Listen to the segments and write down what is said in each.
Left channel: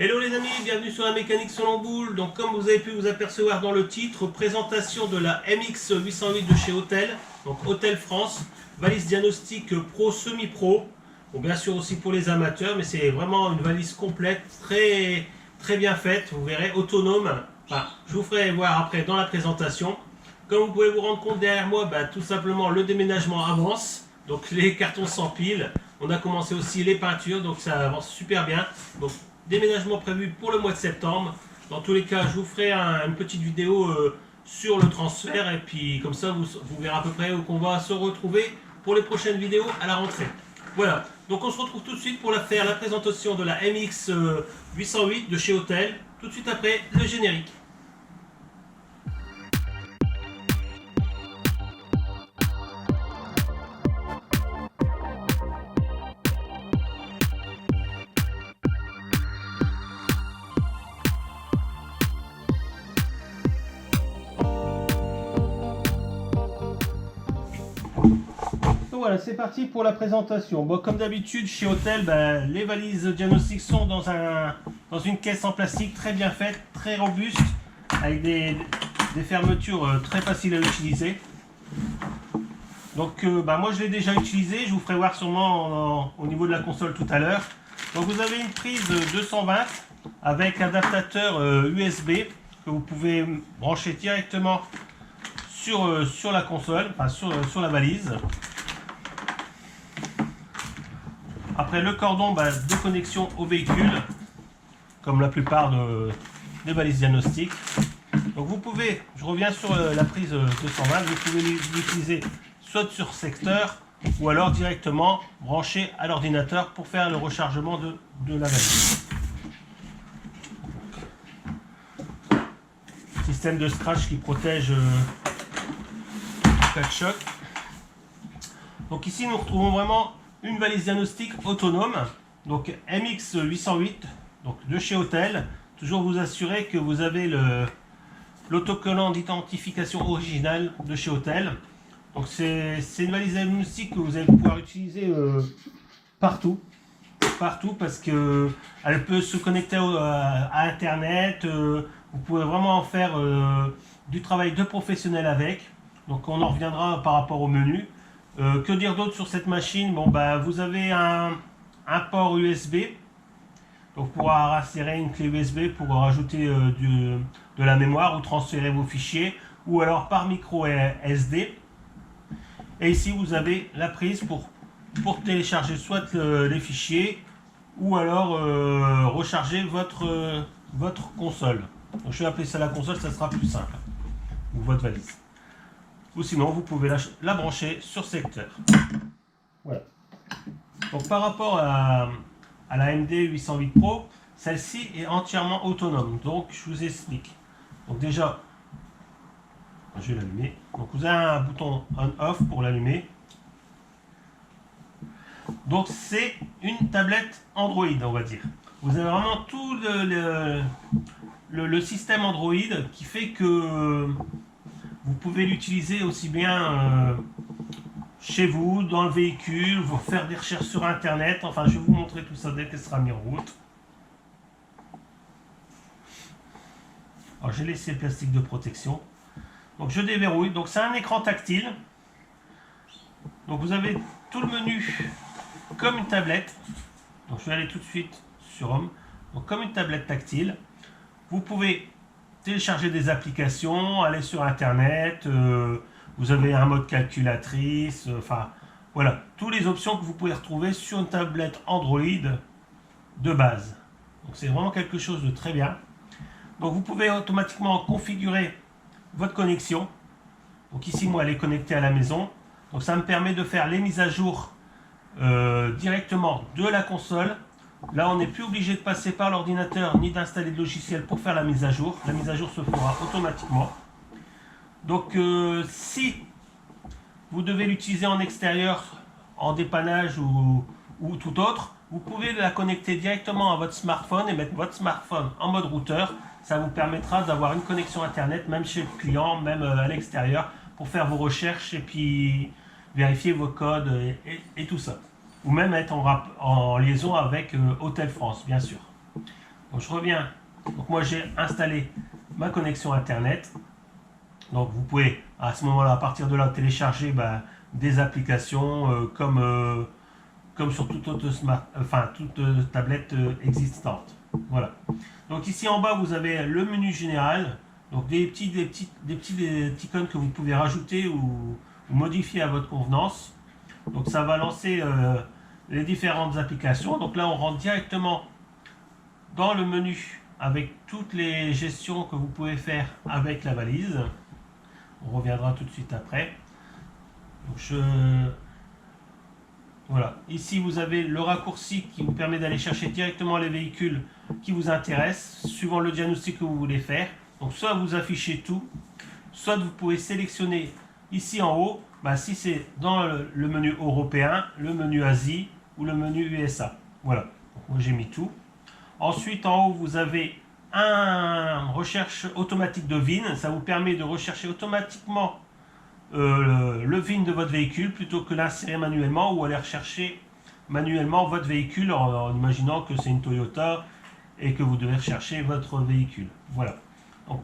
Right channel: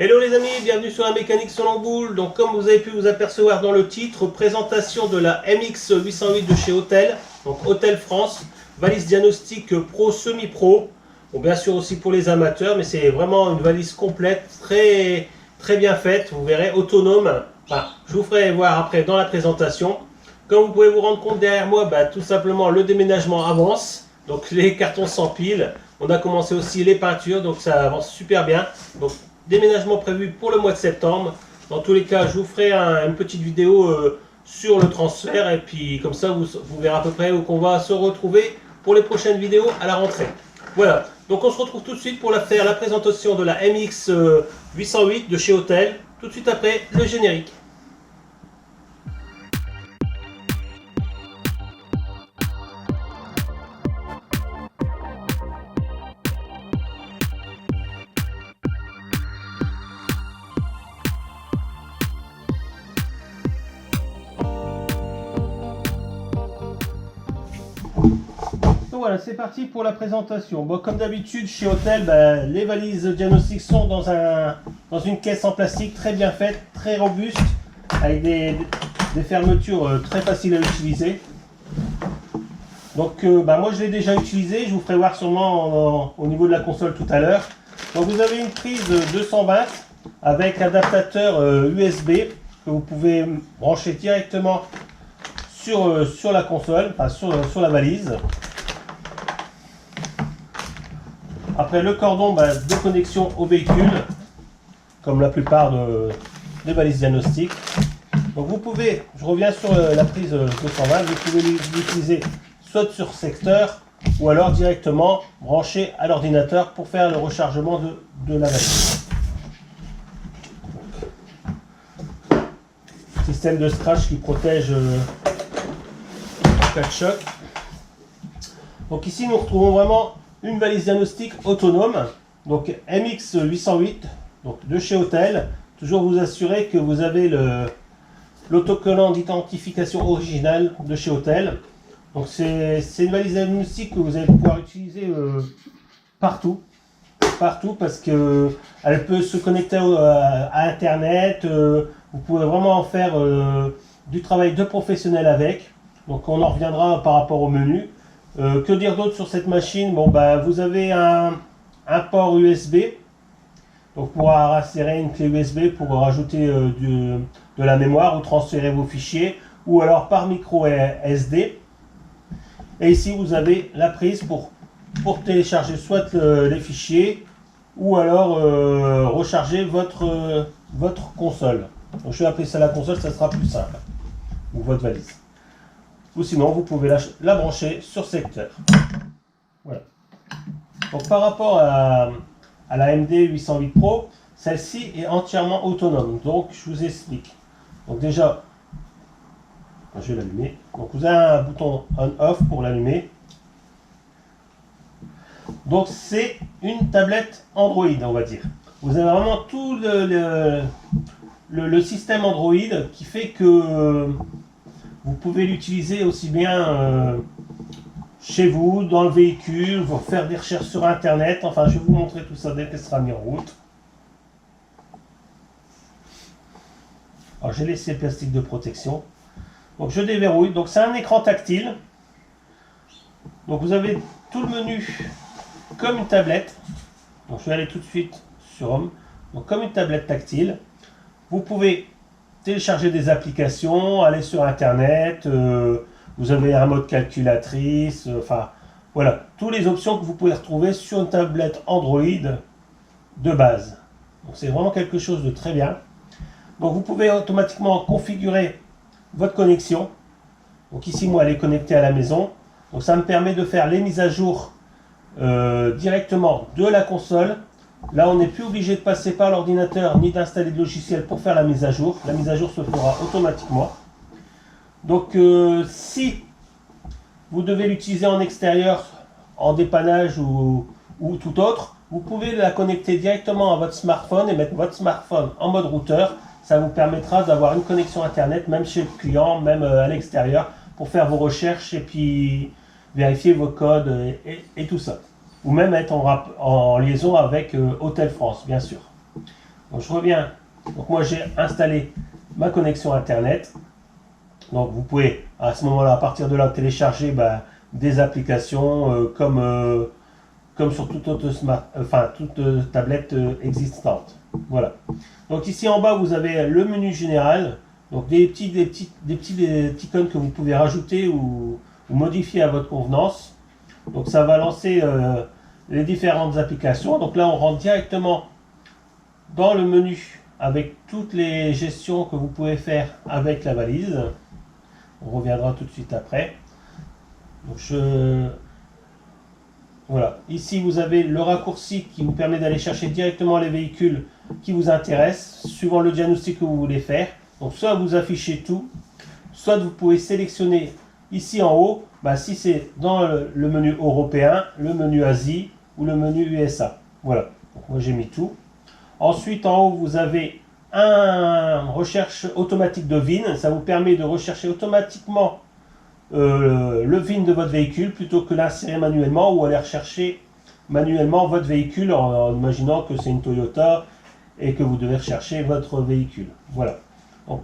Hello les amis, bienvenue sur la mécanique selon boule. Donc comme vous avez pu vous apercevoir dans le titre, présentation de la MX808 de chez Autel, donc Autel France, valise diagnostic pro semi-pro. Bon, bien sûr aussi pour les amateurs, mais c'est vraiment une valise complète, très bien faite, vous verrez, autonome. Enfin, je vous ferai voir après dans la présentation. Comme vous pouvez vous rendre compte derrière moi, tout simplement le déménagement avance. Donc les cartons s'empilent. On a commencé aussi les peintures, donc ça avance super bien. Donc déménagement prévu pour le mois de septembre. Dans tous les cas, je vous ferai une petite vidéo sur le transfert. Et puis comme ça, vous verrez à peu près où on va se retrouver pour les prochaines vidéos à la rentrée. Voilà, donc on se retrouve tout de suite pour faire la présentation de la MX 808 de chez Autel. Tout de suite après le générique. Donc voilà, c'est parti pour la présentation. Bon, comme d'habitude, chez Autel, les valises diagnostiques sont dans une caisse en plastique très bien faite, très robuste, avec des fermetures très faciles à utiliser. Donc moi je l'ai déjà utilisé, je vous ferai voir sûrement au niveau de la console tout à l'heure. Donc vous avez une prise 220 avec adaptateur USB que vous pouvez brancher directement sur la console, enfin sur la valise. Après le cordon de connexion au véhicule, comme la plupart des valises diagnostiques. Donc vous pouvez, je reviens sur la prise 220, vous pouvez l'utiliser soit sur secteur ou alors directement branché à l'ordinateur pour faire le rechargement de la valise. Donc, système de scratch qui protège en cas de choc. Donc ici nous retrouvons vraiment une valise diagnostique autonome, donc MX808, donc de chez Autel. Toujours vous assurer que vous avez l'autocollant d'identification original de chez Autel. Donc c'est une valise diagnostique que vous allez pouvoir utiliser partout parce que elle peut se connecter à Internet. Vous pouvez vraiment faire du travail de professionnel avec. Donc on en reviendra par rapport au menu. Que dire d'autre sur cette machine? Bon, vous avez un port USB, donc pour insérer une clé USB pour rajouter de la mémoire ou transférer vos fichiers, ou alors par micro SD. Et ici vous avez la prise pour télécharger soit les fichiers ou alors recharger votre console. Donc je vais appeler ça la console, ça sera plus simple, ou votre valise. Ou sinon vous pouvez la brancher sur secteur. Voilà. Donc par rapport à la MD808 Pro, celle-ci est entièrement autonome. Donc je vous explique. Donc déjà, je vais l'allumer. Donc vous avez un bouton on-off pour l'allumer. Donc c'est une tablette Android, on va dire. Vous avez vraiment tout le système Android qui fait que vous pouvez l'utiliser aussi bien chez vous, dans le véhicule, vous faire des recherches sur Internet. Enfin, je vais vous montrer tout ça dès qu'elle sera mise en route. Alors, j'ai laissé le plastique de protection. Donc, je déverrouille. Donc, c'est un écran tactile. Donc, vous avez tout le menu comme une tablette. Donc, je vais aller tout de suite sur Home. Donc, comme une tablette tactile. Vous pouvez télécharger des applications, aller sur Internet, vous avez un mode calculatrice, enfin voilà, toutes les options que vous pouvez retrouver sur une tablette Android de base. Donc c'est vraiment quelque chose de très bien. Donc vous pouvez automatiquement configurer votre connexion. Donc ici moi elle est connectée à la maison. Donc ça me permet de faire les mises à jour directement de la console. Là, on n'est plus obligé de passer par l'ordinateur ni d'installer de logiciel pour faire la mise à jour. La mise à jour se fera automatiquement. Donc, si vous devez l'utiliser en extérieur, en dépannage ou tout autre, vous pouvez la connecter directement à votre smartphone et mettre votre smartphone en mode routeur. Ça vous permettra d'avoir une connexion Internet, même chez le client, même à l'extérieur, pour faire vos recherches et puis vérifier vos codes et tout ça. Ou même être en liaison avec Autel France, bien sûr. Donc je reviens. Donc moi j'ai installé ma connexion internet. Donc vous pouvez à ce moment-là, à partir de là, télécharger des applications comme sur toute autre toute tablette existante. Voilà. Donc ici en bas, vous avez le menu général. Donc des petites icônes que vous pouvez rajouter ou modifier à votre convenance. Donc ça va lancer les différentes applications. Donc là, on rentre directement dans le menu avec toutes les gestions que vous pouvez faire avec la valise. On reviendra tout de suite après. Donc voilà. Ici, vous avez le raccourci qui vous permet d'aller chercher directement les véhicules qui vous intéressent, suivant le diagnostic que vous voulez faire. Donc soit vous affichez tout, soit vous pouvez sélectionner ici en haut, si c'est dans le menu européen, le menu Asie ou le menu USA. Voilà. Donc moi j'ai mis tout. Ensuite, en haut, vous avez un recherche automatique de VIN. Ça vous permet de rechercher automatiquement le VIN de votre véhicule plutôt que l'insérer manuellement ou aller rechercher manuellement votre véhicule en imaginant que c'est une Toyota et que vous devez rechercher votre véhicule. Voilà. Donc,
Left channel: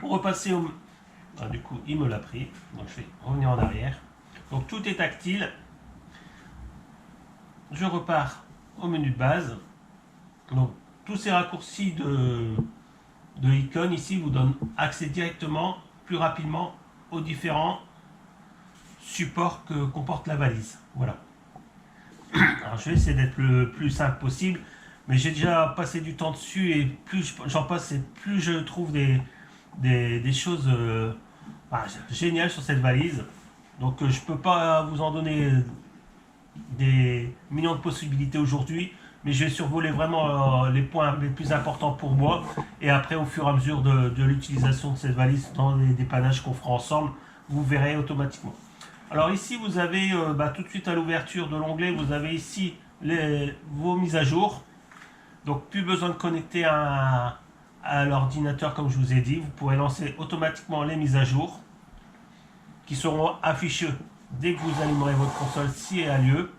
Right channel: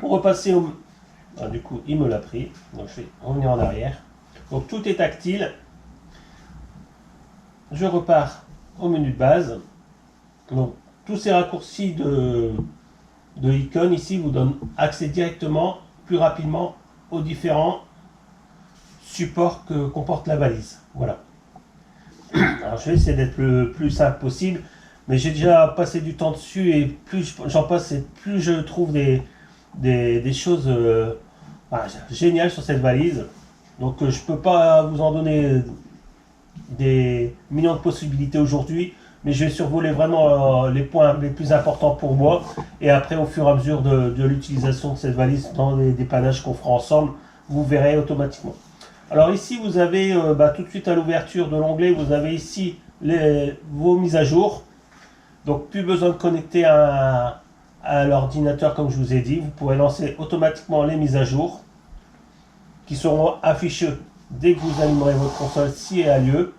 pour repasser au... du coup, il me l'a pris. Donc, je vais revenir en arrière. Donc, tout est tactile. Je repars au menu de base. Donc, tous ces raccourcis de icônes ici vous donnent accès directement, plus rapidement, aux différents supports que comporte la valise. Voilà. Alors, je vais essayer d'être le plus simple possible, mais j'ai déjà passé du temps dessus et plus j'en passe et plus je trouve des choses géniales sur cette valise. Donc, je ne peux pas vous en donner des millions de possibilités aujourd'hui, mais je vais survoler vraiment les points les plus importants pour moi, et après au fur et à mesure de l'utilisation de cette valise dans les dépannages qu'on fera ensemble, vous verrez automatiquement. Alors ici vous avez tout de suite à l'ouverture de l'onglet, vous avez ici vos mises à jour. Donc plus besoin de connecter à l'ordinateur comme je vous ai dit, vous pourrez lancer automatiquement les mises à jour qui seront affichées dès que vous allumerez votre console si elle a lieu.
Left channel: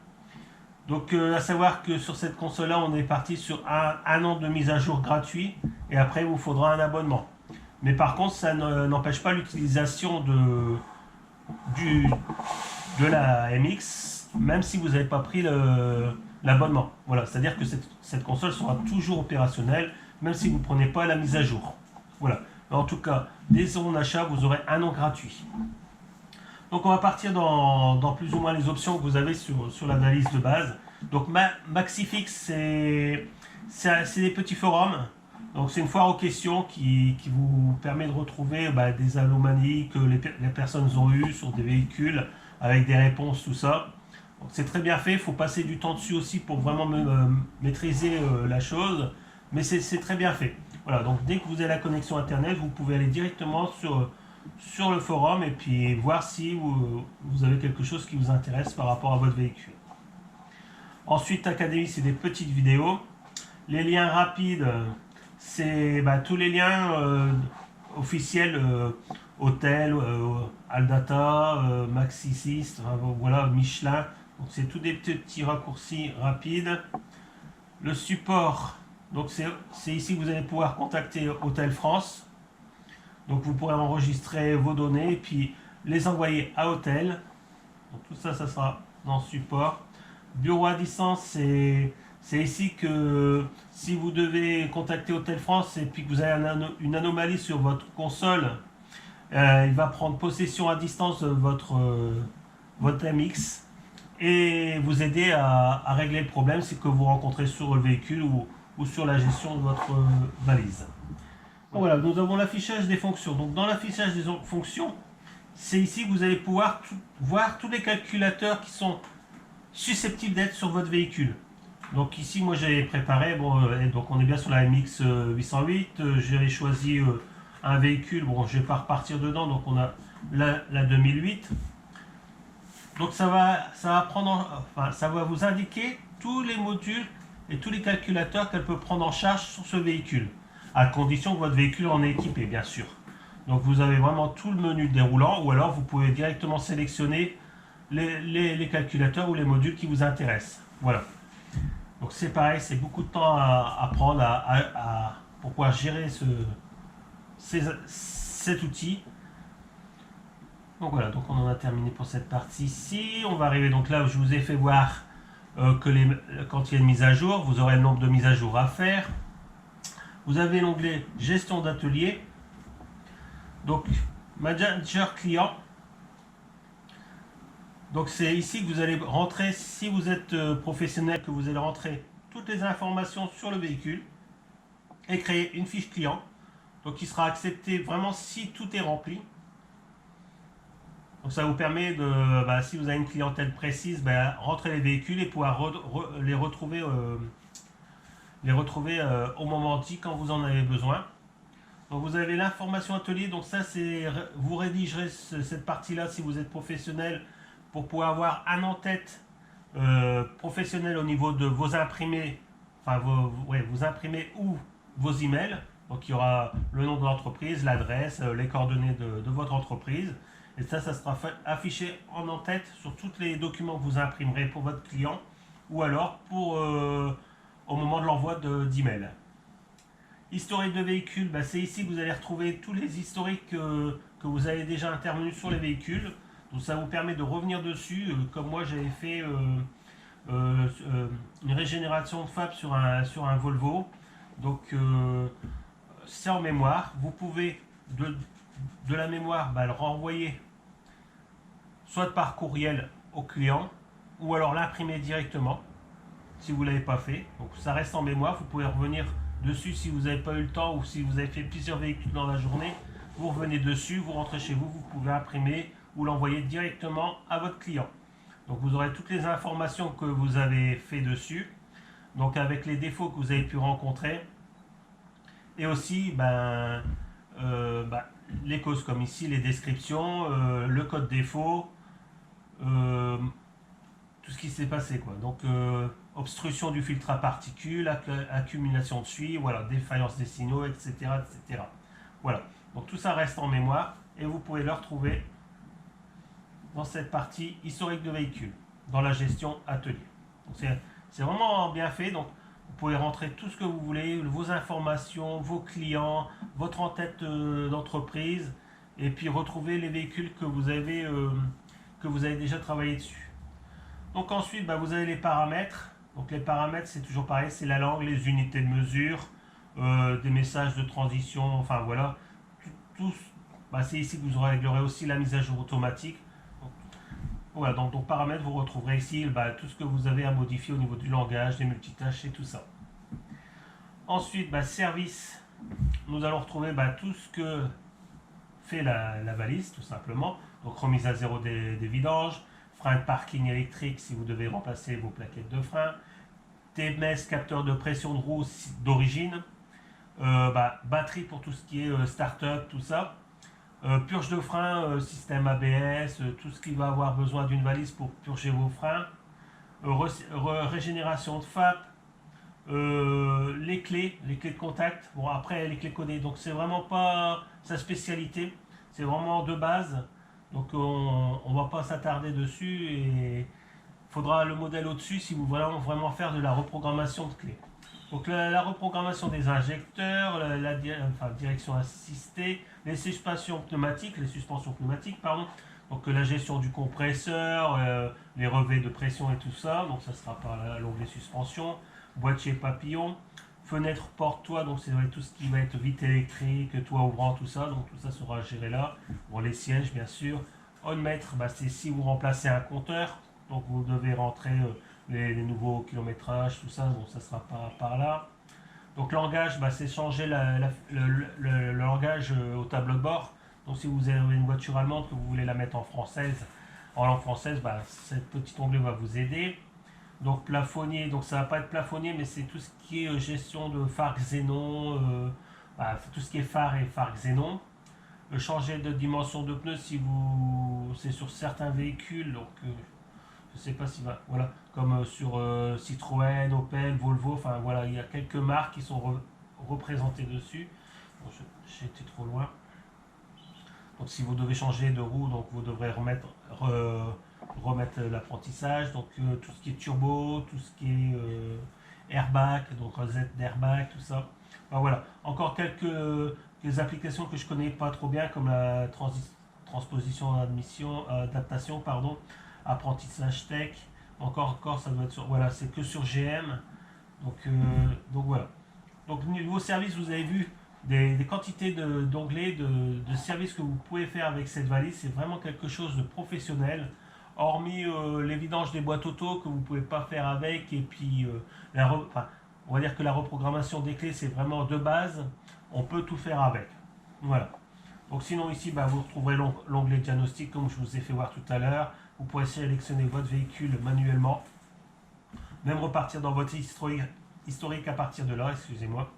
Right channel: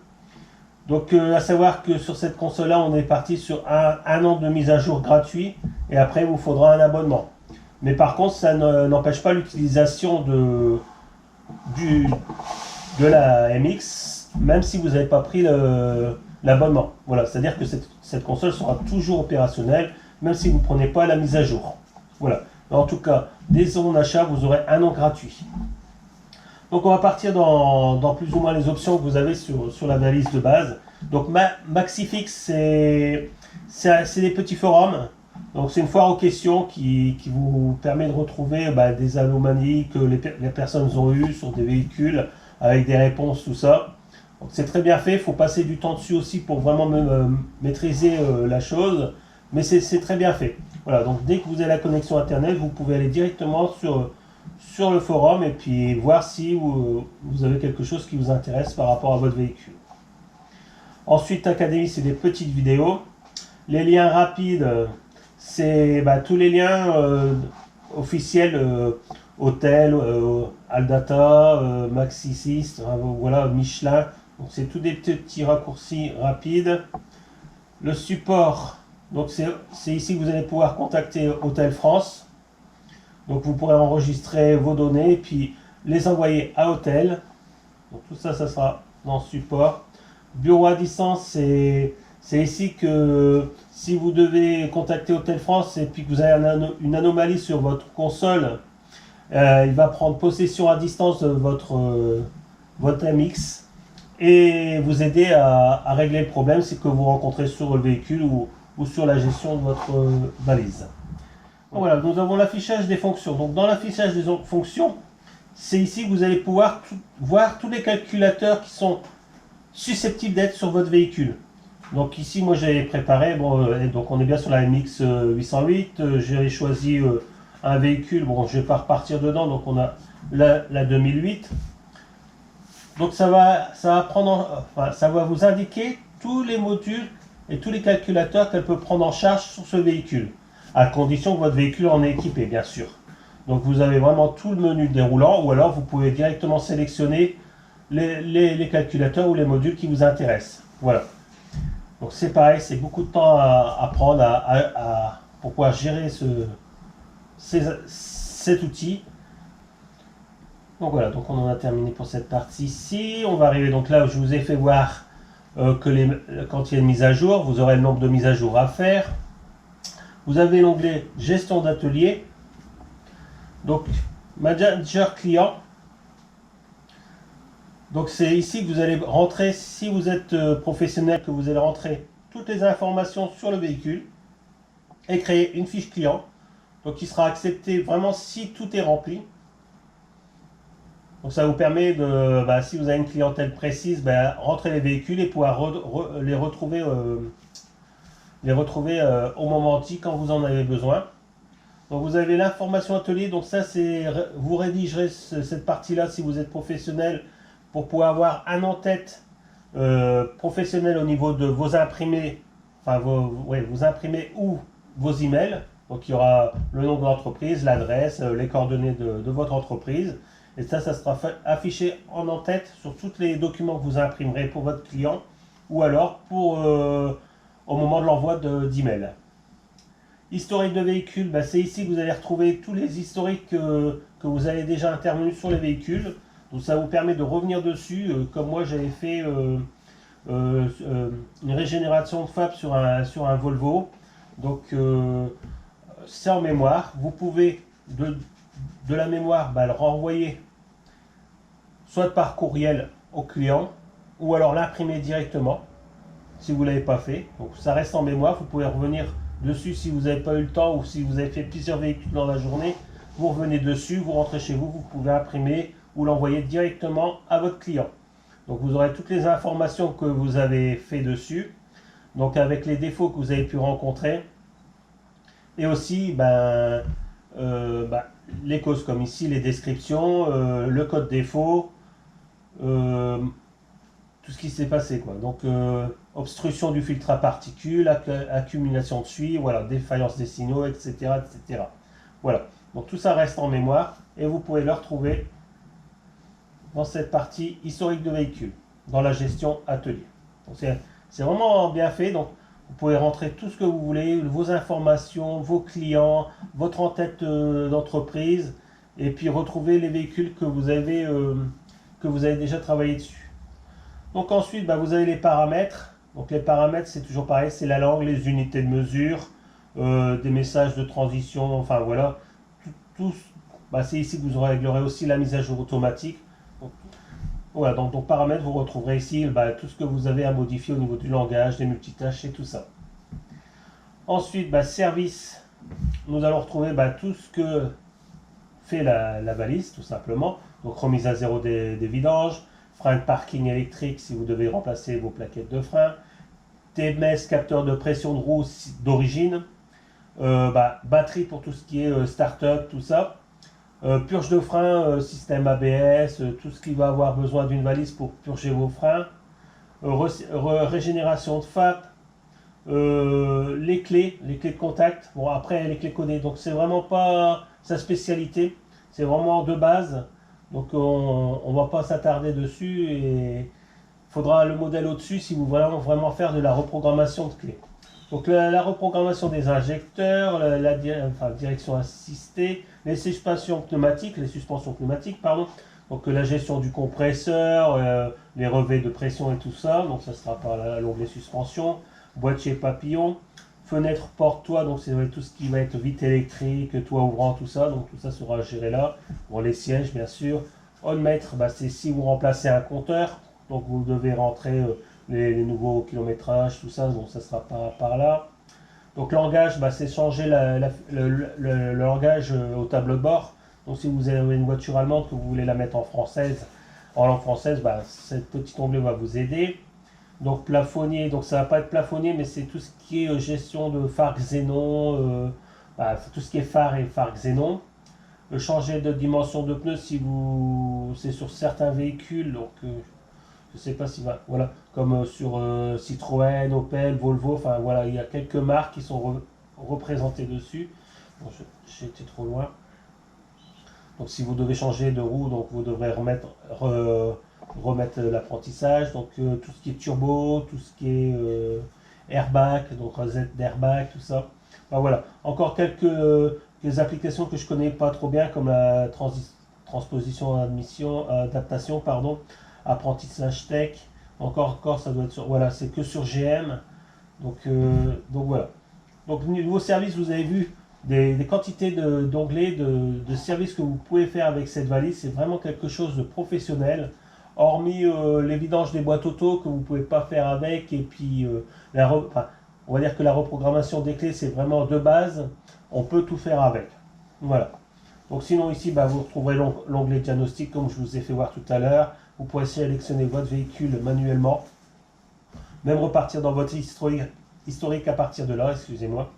Donc à savoir que sur cette console là on est parti sur un an de mise à jour gratuit et après il vous faudra un abonnement. Mais par contre ça n'empêche pas l'utilisation de la MX même si vous n'avez pas pris l'abonnement. Voilà, c'est à dire que cette console sera toujours opérationnelle même si vous ne prenez pas la mise à jour. Voilà, mais en tout cas dès son achat vous aurez un an gratuit. Donc on va partir dans plus ou moins les options que vous avez sur la valise de base. Donc Maxifix, c'est des petits forums. Donc c'est une foire aux questions qui vous permet de retrouver des anomalies que les personnes ont eues sur des véhicules avec des réponses, tout ça. Donc c'est très bien fait, il faut passer du temps dessus aussi pour vraiment maîtriser la chose. Mais c'est très bien fait. Voilà, donc dès que vous avez la connexion internet, vous pouvez aller directement sur le forum et puis voir si vous avez quelque chose qui vous intéresse par rapport à votre véhicule. Ensuite, Académie, c'est des petites vidéos. Les liens rapides, c'est tous les liens officiels, Hôtel, Aldata, Maxisys, voilà, Michelin. Donc c'est tous des petits raccourcis rapides. Le support, donc c'est ici que vous allez pouvoir contacter Hôtel France. Donc vous pourrez enregistrer vos données et puis les envoyer à Hôtel. Donc tout ça, ça sera dans support. Bureau à distance, c'est ici que si vous devez contacter Hôtel France et puis que vous avez une anomalie sur votre console, il va prendre possession à distance de votre MX et vous aider à régler le problème que vous rencontrez sur le véhicule ou sur la gestion de votre valise. Donc voilà, nous avons l'affichage des fonctions. Donc dans l'affichage des fonctions, c'est ici que vous allez pouvoir voir tous les calculateurs qui sont susceptibles d'être sur votre véhicule. Donc ici, moi j'avais préparé, donc on est bien sur la MX 808, j'ai choisi un véhicule, je vais pas repartir dedans, donc on a la 2008. Donc ça va vous indiquer tous les modules et tous les calculateurs qu'elle peut prendre en charge sur ce véhicule, à condition que votre véhicule en est équipé, bien sûr. Donc vous avez vraiment tout le menu déroulant, ou alors vous pouvez directement sélectionner les calculateurs ou les modules qui vous intéressent. Voilà. Donc c'est pareil, c'est beaucoup de temps à prendre pour pouvoir gérer cet outil. Donc voilà, donc on en a terminé pour cette partie-ci. On va arriver donc là où je vous ai fait voir quand il y a une mise à jour, vous aurez le nombre de mises à jour à faire. Vous avez l'onglet gestion d'atelier. Donc manager client. Donc c'est ici que vous allez rentrer, si vous êtes professionnel, que vous allez rentrer toutes les informations sur le véhicule et créer une fiche client. Donc qui sera acceptée vraiment si tout est rempli. Donc ça vous permet de, si vous avez une clientèle précise, rentrer les véhicules et pouvoir les retrouver, au moment dit quand vous en avez besoin. Donc vous avez l'information atelier, donc ça c'est, vous rédigerez cette partie-là si vous êtes professionnel pour pouvoir avoir un en-tête professionnel au niveau de vos imprimés, enfin vos imprimés ou vos emails. Donc il y aura le nom de l'entreprise, l'adresse, les coordonnées de votre entreprise. Et ça sera affiché en tête sur tous les documents que vous imprimerez pour votre client ou alors au moment de l'envoi d'email. Historique de véhicule, c'est ici que vous allez retrouver tous les historiques que vous avez déjà intervenus sur les véhicules. Donc ça vous permet de revenir dessus, comme moi j'avais fait une régénération de FAB sur un Volvo. Donc c'est en mémoire. Vous pouvez de la mémoire le renvoyer soit par courriel au client ou alors l'imprimer directement si vous ne l'avez pas fait. Donc ça reste en mémoire, vous pouvez revenir dessus si vous n'avez pas eu le temps ou si vous avez fait plusieurs véhicules dans la journée. Vous revenez dessus, vous rentrez chez vous, vous pouvez imprimer ou l'envoyer directement à votre client. Donc vous aurez toutes les informations que vous avez fait dessus, donc avec les défauts que vous avez pu rencontrer et aussi les causes comme ici, les descriptions, le code défaut, tout ce qui s'est passé quoi. Donc obstruction du filtre à particules, accumulation de suie, voilà, défaillance des signaux, etc., etc. Voilà. Donc tout ça reste en mémoire et vous pouvez le retrouver dans cette partie historique de véhicule, dans la gestion atelier. Donc c'est vraiment bien fait. Donc vous pouvez rentrer tout ce que vous voulez, vos informations, vos clients, votre en-tête d'entreprise, et puis retrouver les véhicules que vous avez déjà travaillé dessus. Donc ensuite, vous avez les paramètres. Donc les paramètres, c'est toujours pareil, c'est la langue, les unités de mesure, des messages de transition, enfin voilà. C'est ici que vous réglerez aussi la mise à jour automatique. Donc, voilà, donc paramètres, vous retrouverez ici tout ce que vous avez à modifier au niveau du langage, des multitâches et tout ça. Ensuite, service, nous allons retrouver tout ce que fait la valise, tout simplement. Donc remise à zéro des vidanges, frein de parking électrique si vous devez remplacer vos plaquettes de frein, TMS, capteur de pression de roue d'origine, batterie pour tout ce qui est start-up, tout ça. Purge de frein, système ABS, tout ce qui va avoir besoin d'une valise pour purger vos freins. Régénération de FAP. Les clés de contact. Bon, après, les clés codées. Donc, c'est vraiment pas sa spécialité. C'est vraiment de base. Donc, on ne va pas s'attarder dessus. Et il faudra le modèle au-dessus si vous voulez vraiment faire de la reprogrammation de clés. Donc la reprogrammation des injecteurs, direction assistée, les suspensions pneumatiques, donc la gestion du compresseur, les relevés de pression et tout ça, donc ça sera par l'onglet suspension, boîtier papillon, fenêtre porte-toit, donc c'est tout ce qui va être vitre électrique, toit ouvrant, tout ça, donc tout ça sera géré là. Bon, les sièges bien sûr. On-mètre, c'est si vous remplacez un compteur, donc vous devez rentrer les nouveaux kilométrages, tout ça, donc ça sera pas par là. Donc langage, c'est changer le langage au tableau de bord. Donc si vous avez une voiture allemande que vous voulez la mettre en langue française, cet petit onglet va vous aider. Donc plafonnier, donc ça va pas être plafonnier, mais c'est tout ce qui est gestion de phare xénon, tout ce qui est phare et phare xénon. Changer de dimension de pneus si c'est sur certains véhicules, donc je sais pas si voilà, comme sur Citroën, Opel, Volvo, enfin voilà, il y a quelques marques qui sont représentées dessus. Bon, j'ai été trop loin. Donc si vous devez changer de roue, donc vous devrez remettre l'apprentissage. Donc tout ce qui est turbo, tout ce qui est airbag, donc rosette d'airbag, tout ça. Enfin, voilà, encore quelques applications que je connais pas trop bien, comme la transposition, adaptation, pardon, apprentissage tech. Encore, ça doit être sur, voilà, c'est que sur GM. Donc voilà. Donc niveau service, vous avez vu des quantités d'onglets, de services que vous pouvez faire avec cette valise. C'est vraiment quelque chose de professionnel. Hormis les vidanges des boîtes auto que vous ne pouvez pas faire avec. Et puis, on va dire que la reprogrammation des clés, c'est vraiment de base. On peut tout faire avec. Voilà. Donc sinon ici, vous retrouverez l'onglet diagnostic comme je vous ai fait voir tout à l'heure. Vous pourrez sélectionner votre véhicule manuellement. Même repartir dans votre historique à partir de là, excusez-moi.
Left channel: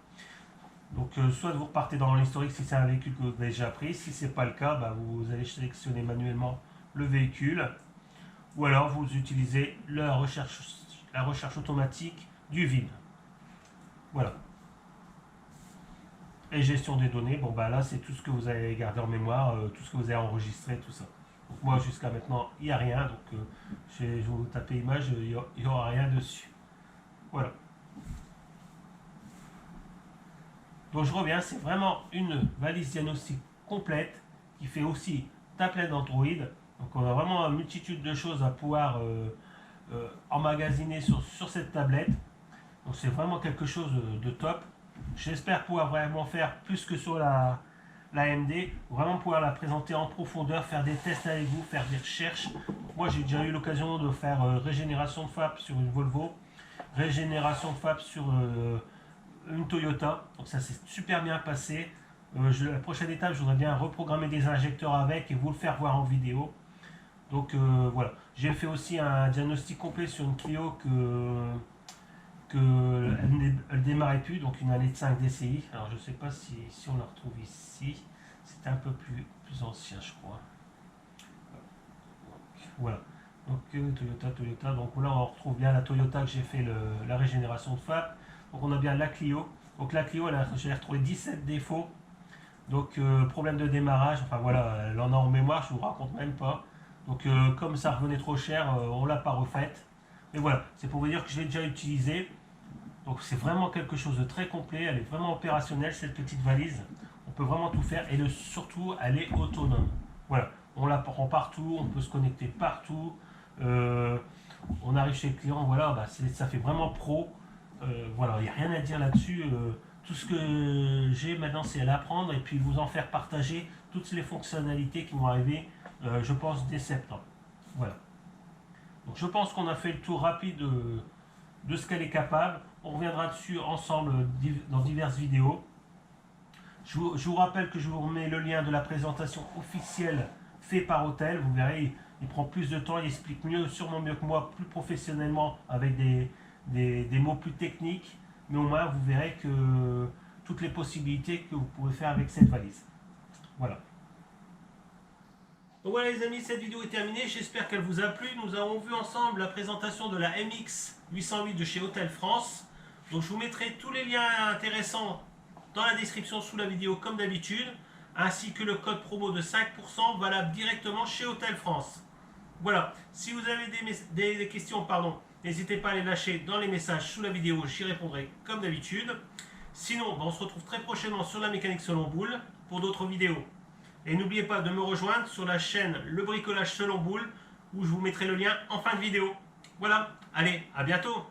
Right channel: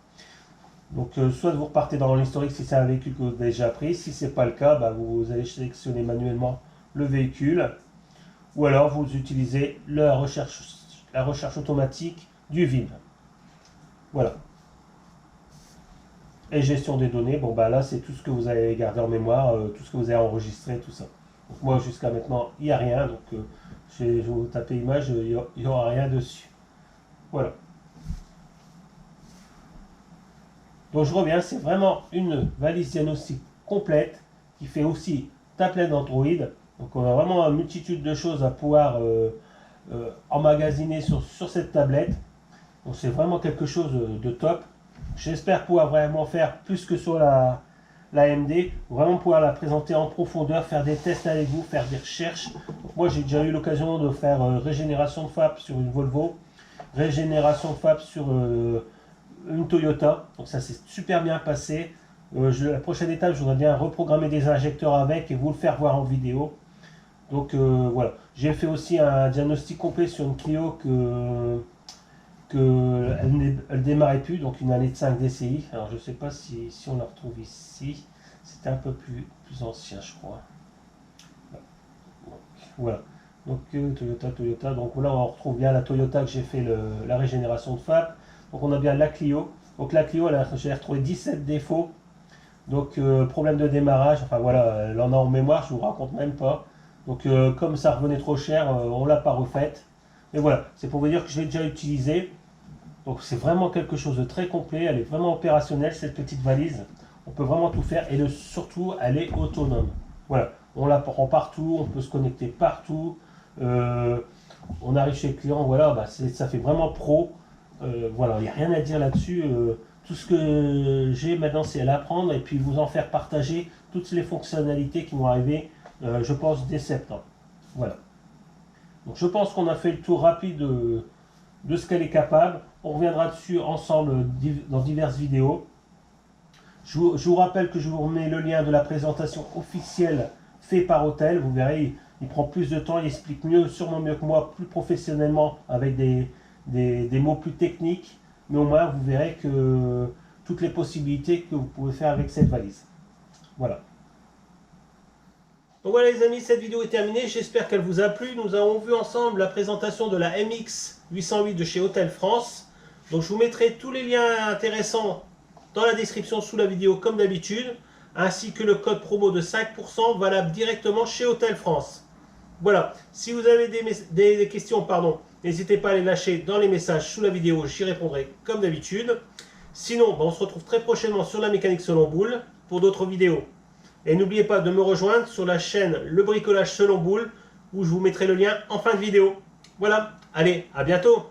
Donc soit vous repartez dans l'historique si c'est un véhicule que vous avez déjà pris. Si ce n'est pas le cas, vous allez sélectionner manuellement le véhicule. Ou alors vous utilisez la recherche automatique du VIN. Voilà. Et gestion des données, là c'est tout ce que vous avez gardé en mémoire, tout ce que vous avez enregistré, tout ça. Donc moi jusqu'à maintenant il n'y a rien, donc je vais vous taper image, il n'y aura rien dessus. Voilà. Donc je reviens, c'est vraiment une valise diagnostic complète qui fait aussi tablette d'Android. Donc on a vraiment une multitude de choses à pouvoir emmagasiner sur cette tablette. Donc c'est vraiment quelque chose de top. J'espère pouvoir vraiment faire plus que sur la AMD, vraiment pouvoir la présenter en profondeur, faire des tests avec vous, faire des recherches. Donc moi j'ai déjà eu l'occasion de faire régénération de FAP sur une Volvo, régénération de FAP sur une Toyota, donc ça s'est super bien passé. La prochaine étape, je voudrais bien reprogrammer des injecteurs avec et vous le faire voir en vidéo. Donc voilà, j'ai fait aussi un diagnostic complet sur une Clio elle démarrait plus, donc une année de 5 DCI. Alors je sais pas si on la retrouve ici, c'était un peu plus ancien je crois. Donc, voilà, donc Toyota, donc là on retrouve bien la Toyota que j'ai fait la régénération de FAP. Donc on a bien la Clio, donc la Clio j'ai retrouvé 17 défauts, donc problème de démarrage, enfin voilà, elle en a en mémoire, je vous raconte même pas. Donc comme ça revenait trop cher, on l'a pas refaite. Mais voilà, c'est pour vous dire que je l'ai déjà utilisé. Donc c'est vraiment quelque chose de très complet, elle est vraiment opérationnelle cette petite valise. On peut vraiment tout faire et surtout elle est autonome. Voilà, on la prend partout, on peut se connecter partout. On arrive chez le client, voilà, ça fait vraiment pro. Voilà, il n'y a rien à dire là-dessus. Tout ce que j'ai maintenant, c'est à l'apprendre et puis vous en faire partager toutes les fonctionnalités qui vont arriver, je pense, dès septembre. Voilà. Donc je pense qu'on a fait le tour rapide de ce qu'elle est capable. On reviendra dessus ensemble dans diverses vidéos. Je vous rappelle que je vous remets le lien de la présentation officielle faite par Autel. Vous verrez, il prend plus de temps, il explique sûrement mieux que moi, plus professionnellement, avec des mots plus techniques. Mais au moins, vous verrez que toutes les possibilités que vous pouvez faire avec cette valise. Voilà. Donc voilà les amis, cette vidéo est terminée, j'espère qu'elle vous a plu. Nous avons vu ensemble la présentation de la MX808 de chez Autel France. Donc je vous mettrai tous les liens intéressants dans la description sous la vidéo comme d'habitude, ainsi que le code promo de 5% valable directement chez Autel France. Voilà, si vous avez des questions, n'hésitez pas à les lâcher dans les messages sous la vidéo, j'y répondrai comme d'habitude. Sinon, on se retrouve très prochainement sur la mécanique selon boule pour d'autres vidéos. Et n'oubliez pas de me rejoindre sur la chaîne Le Bricolage Selon Boule, où je vous mettrai le lien en fin de vidéo. Voilà, allez, à bientôt!